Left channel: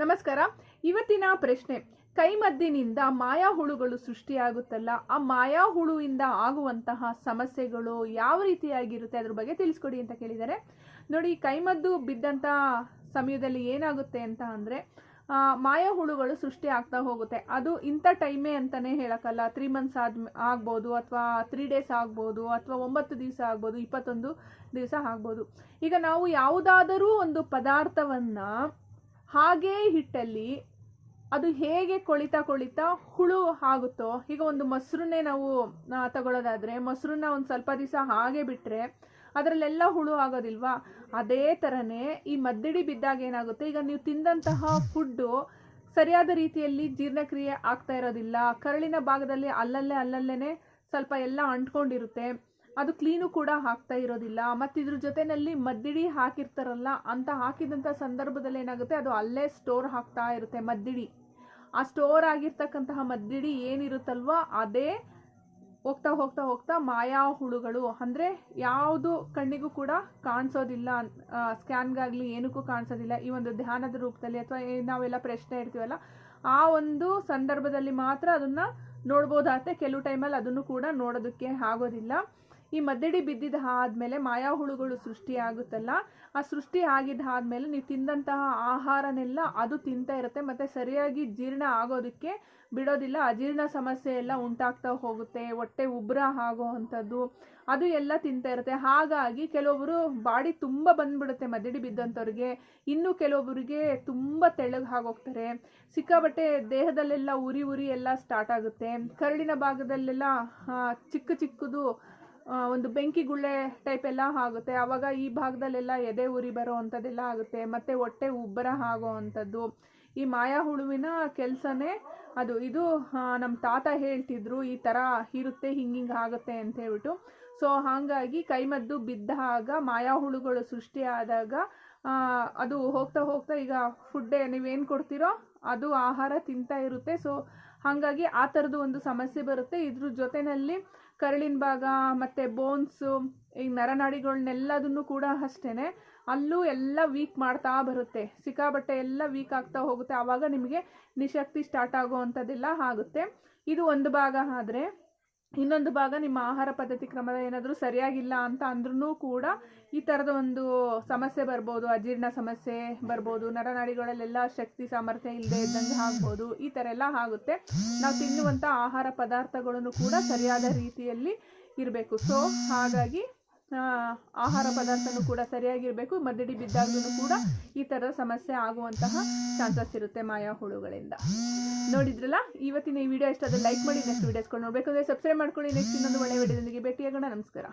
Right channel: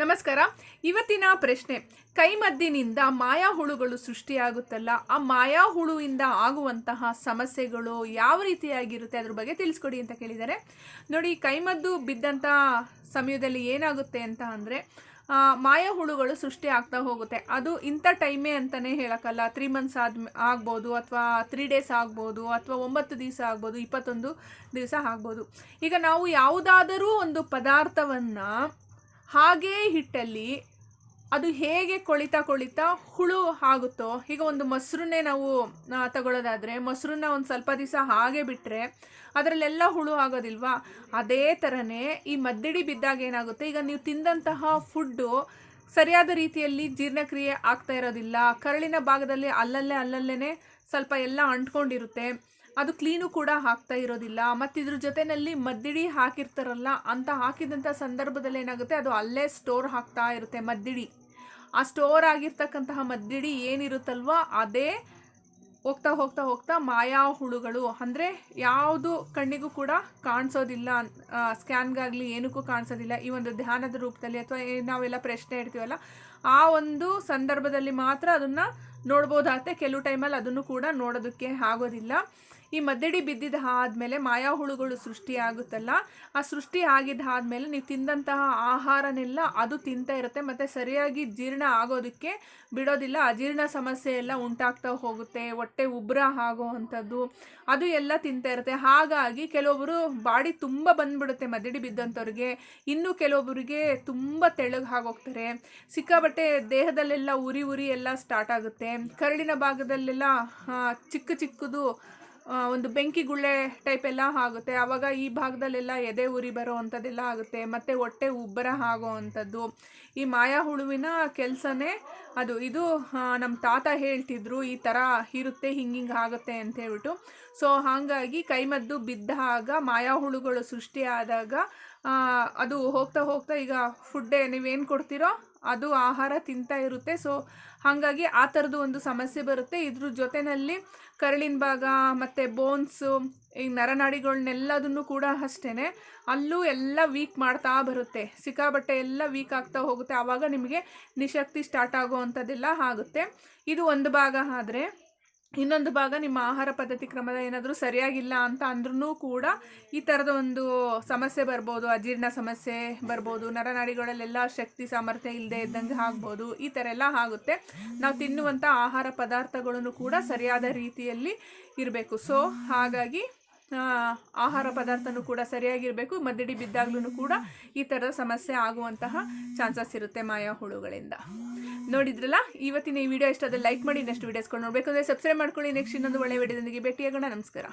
ನಮಸ್ಕಾರ. ಇವತ್ತಿನ ಪ್ರಶ್ನೆ, ಕೈಮದ್ದಿನಿಂದ ಮಾಯಾ ಹುಳುಗಳು ಸೃಷ್ಟಿಯಾಗುತ್ತಲ್ಲ, ಆ ಮಾಯಾ ಹುಳುವಿಂದ ಆಗುವಂತಹ ಸಮಸ್ಯೆಗಳು ಯಾವ ರೀತಿಯಾಗಿರುತ್ತೆ ಅದ್ರ ಬಗ್ಗೆ ತಿಳಿಸ್ಕೊಡಿ ಅಂತ ಕೇಳಿದ್ದಾರೆ. ನೋಡಿ, ಕೈಮದ್ದು ಬಿದ್ದಂಥ ಸಮಯದಲ್ಲಿ ಏನಾಗುತ್ತೆ ಅಂತ ಅಂದರೆ ಮಾಯಾ ಹುಳುಗಳು ಸೃಷ್ಟಿ ಆಗ್ತಾ ಹೋಗುತ್ತೆ. ಅದು ಇಂಥ ಟೈಮೇ ಅಂತಲೇ ಹೇಳೋಕ್ಕಲ್ಲ. ತ್ರೀ ಮಂತ್ಸ್ ಆದ, ಆಗ್ಬೋದು, ಅಥವಾ ತ್ರೀ ಡೇಸ್ ಆಗ್ಬೋದು, ಅಥವಾ ಒಂಬತ್ತು ದಿವಸ ಆಗ್ಬೋದು, ಇಪ್ಪತ್ತೊಂದು ದಿವಸ ಆಗ್ಬೋದು. ಈಗ ನಾವು ಯಾವುದಾದರೂ ಒಂದು ಪದಾರ್ಥವನ್ನು ಹಾಗೇ ಹಿಟ್ಟಲ್ಲಿ ಅದು ಹೇಗೆ ಕೊಳಿತಾ ಕೊಳಿತಾ ಹುಳು ಆಗುತ್ತೋ ಈಗ ಒಂದು ಮೊಸರನ್ನೇ ನಾವು ತಗೊಳ್ಳೋದಾದರೆ ಮೊಸರನ್ನ ಒಂದು ಸ್ವಲ್ಪ ದಿವಸ ಹಾಗೆ ಬಿಟ್ಟರೆ ಅದರಲ್ಲೆಲ್ಲ ಹುಳು ಆಗೋದಿಲ್ವಾ? ಅದೇ ಥರನೇ ಈ ಮದ್ದಿಡಿ ಬಿದ್ದಾಗ ಏನಾಗುತ್ತೆ, ಈಗ ನೀವು ತಿಂದಂತಹ ಫುಡ್ಡು ಸರಿಯಾದ ರೀತಿಯಲ್ಲಿ ಜೀರ್ಣಕ್ರಿಯೆ ಆಗ್ತಾ ಇರೋದಿಲ್ಲ. ಕರಳಿನ ಭಾಗದಲ್ಲಿ ಅಲ್ಲಲ್ಲೇ ಅಲ್ಲಲ್ಲೇ ಸ್ವಲ್ಪ ಎಲ್ಲ ಅಂಟ್ಕೊಂಡಿರುತ್ತೆ. ಅದು ಕ್ಲೀನು ಕೂಡ ಹಾಕ್ತಾ ಇರೋದಿಲ್ಲ. ಮತ್ತು ಇದ್ರ ಜೊತೆಯಲ್ಲಿ ಮದ್ದಿಡಿ ಹಾಕಿರ್ತಾರಲ್ಲ, ಅಂತ ಹಾಕಿದಂಥ ಸಂದರ್ಭದಲ್ಲಿ ಏನಾಗುತ್ತೆ, ಅದು ಅಲ್ಲೇ ಸ್ಟೋರ್ ಹಾಕ್ತಾ ಇರುತ್ತೆ ಮದ್ದಿಡಿ. ಆ ಸ್ಟೋರ್ ಆಗಿರ್ತಕ್ಕಂತಹ ಮದ್ದಿಡಿ ಏನಿರುತ್ತಲ್ವ, ಅದೇ ಹೋಗ್ತಾ ಹೋಗ್ತಾ ಹೋಗ್ತಾ ಮಾಯಾ ಹುಳುಗಳು. ಅಂದರೆ ಯಾವುದು ಕಣ್ಣಿಗೂ ಕೂಡ ಕಾಣಿಸೋದಿಲ್ಲ ಸ್ಕ್ಯಾನ್ಗಾಗಲಿ ಏನಕ್ಕೂ ಕಾಣಿಸೋದಿಲ್ಲ ಈ ಒಂದು ಧ್ಯಾನದ ರೂಪದಲ್ಲಿ ಅಥವಾ ನಾವೆಲ್ಲ ಪ್ರಶ್ನೆ ಇಡ್ತೀವಲ್ಲ, ಆ ಒಂದು ಸಂದರ್ಭದಲ್ಲಿ ಮಾತ್ರ ಅದನ್ನು ನೋಡ್ಬೋದಾಗುತ್ತೆ. ಕೆಲವು ಟೈಮಲ್ಲಿ ಅದನ್ನು ಕೂಡ ನೋಡೋದಕ್ಕೆ ಆಗೋದಿಲ್ಲ. ಈ ಮದ್ದಡಿ ಬಿದ್ದಿದ ಆದಮೇಲೆ ಮಾಯಾ ಹುಳುಗಳು ಸೃಷ್ಟಿ ಆಗುತ್ತಲ್ಲ ಆ ಸೃಷ್ಟಿ ಆಗಿದ್ದ ಆದಮೇಲೆ ನೀವು ತಿಂದಂತಹ ಆಹಾರನೆಲ್ಲ ಅದು ತಿಂತಾ ಇರುತ್ತೆ, ಮತ್ತು ಸರಿಯಾಗಿ ಜೀರ್ಣ ಆಗೋದಕ್ಕೆ ಬಿಡೋದಿಲ್ಲ, ಅಜೀರ್ಣ ಸಮಸ್ಯೆ ಎಲ್ಲ ಉಂಟಾಗ್ತಾ ಹೋಗುತ್ತೆ, ಹೊಟ್ಟೆ ಉಬ್ರ ಆಗೋ ಅಂಥದ್ದು, ಅದು ಎಲ್ಲ ತಿಂತಾ ಇರುತ್ತೆ. ಹಾಗಾಗಿ ಕೆಲವೊಬ್ಬರು ಬಾಡಿ ತುಂಬ ಬಂದ್ಬಿಡುತ್ತೆ ಮದ್ದಡಿ ಬಿದ್ದಂಥವ್ರಿಗೆ. ಇನ್ನು ಕೆಲವೊಬ್ಬರಿಗೆ ತುಂಬ ತೆಳಗೆ ಆಗೋಗ್ತಾರೆ. ಸಿಕ್ಕಾಬಟ್ಟೆ ದೇಹದಲ್ಲೆಲ್ಲ ಉರಿ ಉರಿ ಎಲ್ಲ ಸ್ಟಾರ್ಟ್ ಆಗುತ್ತೆ. ಕರಳಿನ ಭಾಗದಲ್ಲೆಲ್ಲ ಚಿಕ್ಕ ಚಿಕ್ಕದು ಒಂದು ಬೆಂಕಿ ಗುಳ್ಳೆ ಟೈಪ್ ಎಲ್ಲ ಆಗುತ್ತೆ. ಆವಾಗ ಈ ಭಾಗದಲ್ಲೆಲ್ಲ ಎದೆ ಉರಿ ಬರೋ ಅಂಥದ್ದೆಲ್ಲ ಆಗುತ್ತೆ. ಮತ್ತು ಹೊಟ್ಟೆ ಉಬ್ಬರ ಆಗೋ ಅಂಥದ್ದು. ಈ ಮಾಯಾ ಹುಳುವಿನ ಕೆಲಸನೇ ಅದು. ಇದು ನಮ್ಮ ತಾತ ಹೇಳ್ತಿದ್ರು, ಈ ಥರ ಇರುತ್ತೆ ಹಿಂಗೆ ಹಿಂಗೆ ಆಗುತ್ತೆ ಅಂತ ಹೇಳ್ಬಿಟ್ಟು. ಸೊ ಹಾಗಾಗಿ ಕೈಮದ್ದು ಬಿದ್ದಾಗ ಮಾಯಾ ಹುಳುಗಳು ಸೃಷ್ಟಿಯಾದಾಗ ಅದು ಹೋಗ್ತಾ ಹೋಗ್ತಾ ಈಗ ಫುಡ್ಡೇ ನೀವೇನು ಕೊಡ್ತೀರೋ ಅದು ಆಹಾರ ತಿಂತಾ ಇರುತ್ತೆ. ಸೊ ಹಾಗಾಗಿ ಆ ಥರದ್ದು ಒಂದು ಸಮಸ್ಯೆ ಬರುತ್ತೆ. ಇದ್ರ ಜೊತೆಯಲ್ಲಿ ಕರಳಿನ ಭಾಗ ಮತ್ತು ಬೋನ್ಸು ಈ ನರನಾಡಿಗಳನ್ನೆಲ್ಲದನ್ನು ಕೂಡ ಅಷ್ಟೇ ಅಲ್ಲೂ ಎಲ್ಲ ವೀಕ್ ಮಾಡ್ತಾ ಬರುತ್ತೆ. ಸಿಕ್ಕಾಬಟ್ಟೆ ಎಲ್ಲ ವೀಕ್ ಆಗ್ತಾ ಹೋಗುತ್ತೆ. ಆವಾಗ ನಿಮಗೆ ನಿಶಕ್ತಿ ಸ್ಟಾರ್ಟ್ ಆಗೋ ಅಂಥದ್ದೆಲ್ಲ ಆಗುತ್ತೆ. ಇದು ಒಂದು ಭಾಗ ಆದರೆ ಇನ್ನೊಂದು ಭಾಗ ನಿಮ್ಮ ಆಹಾರ ಪದ್ಧತಿ ಕ್ರಮದ ಏನಾದರೂ ಸರಿಯಾಗಿಲ್ಲ ಅಂತ ಅಂದ್ರೂ ಕೂಡ ಈ ಥರದ ಒಂದು ಸಮಸ್ಯೆ ಬರ್ಬೋದು, ಅಜೀರ್ಣ ಸಮಸ್ಯೆ ಬರ್ಬೋದು, ನರನಾಡಿಗಳಲ್ಲೆಲ್ಲ ಶಕ್ತಿ, ಸಾಮರ್ಥ್ಯ ಇಲ್ಲದೆ ಇದ್ದಂಗೆ ಆಗ್ಬೋದು, ಈ ಥರ ಎಲ್ಲ ಆಗುತ್ತೆ. ನಾವು ತಿನ್ನುವಂಥ ಆಹಾರ ಪದಾರ್ಥಗಳನ್ನು ಕೂಡ ಸರಿಯಾದ ರೀತಿಯಲ್ಲಿ ಇರಬೇಕು. ಸೊ ಹಾಗಾಗಿ ಆಹಾರ ಪದಾರ್ಥನೂ ಕೂಡ ಸರಿಯಾಗಿರಬೇಕು. ಮದ್ದಿಡಿ ಬಿದ್ದಾಗ್ಲೂ ಕೂಡ ಈ ಥರದ ಸಮಸ್ಯೆ ಆಗುವಂತಹ ಚಾನ್ಸಸ್ ಇರುತ್ತೆ ಮಾಯಾ ಹುಳುಗಳಿಂದ. ನೋಡಿದ್ರಲ್ಲ, ಇವತ್ತಿನ ಈ ವಿಡಿಯೋ ಇಷ್ಟ ಲೈಕ್ ಮಾಡಿ ನೆಕ್ಸ್ಟ್ ವೀಡಿಯೋಸ್ಕೊಂಡು ನೋಡಬೇಕು. ಅಂದರೆ ಸಬ್ಸ್ಕ್ರೈಬ್ ಮಾಡ್ಕೊಳ್ಳಿ. ನೆಕ್ಸ್ಟ್ ಇನ್ನೊಂದು ಒಳ್ಳೆ ವಿಡಿಯೋದೊಂದಿಗೆ ಭೇಟಿಯಾಗೋಣ. ನಮಸ್ಕಾರ.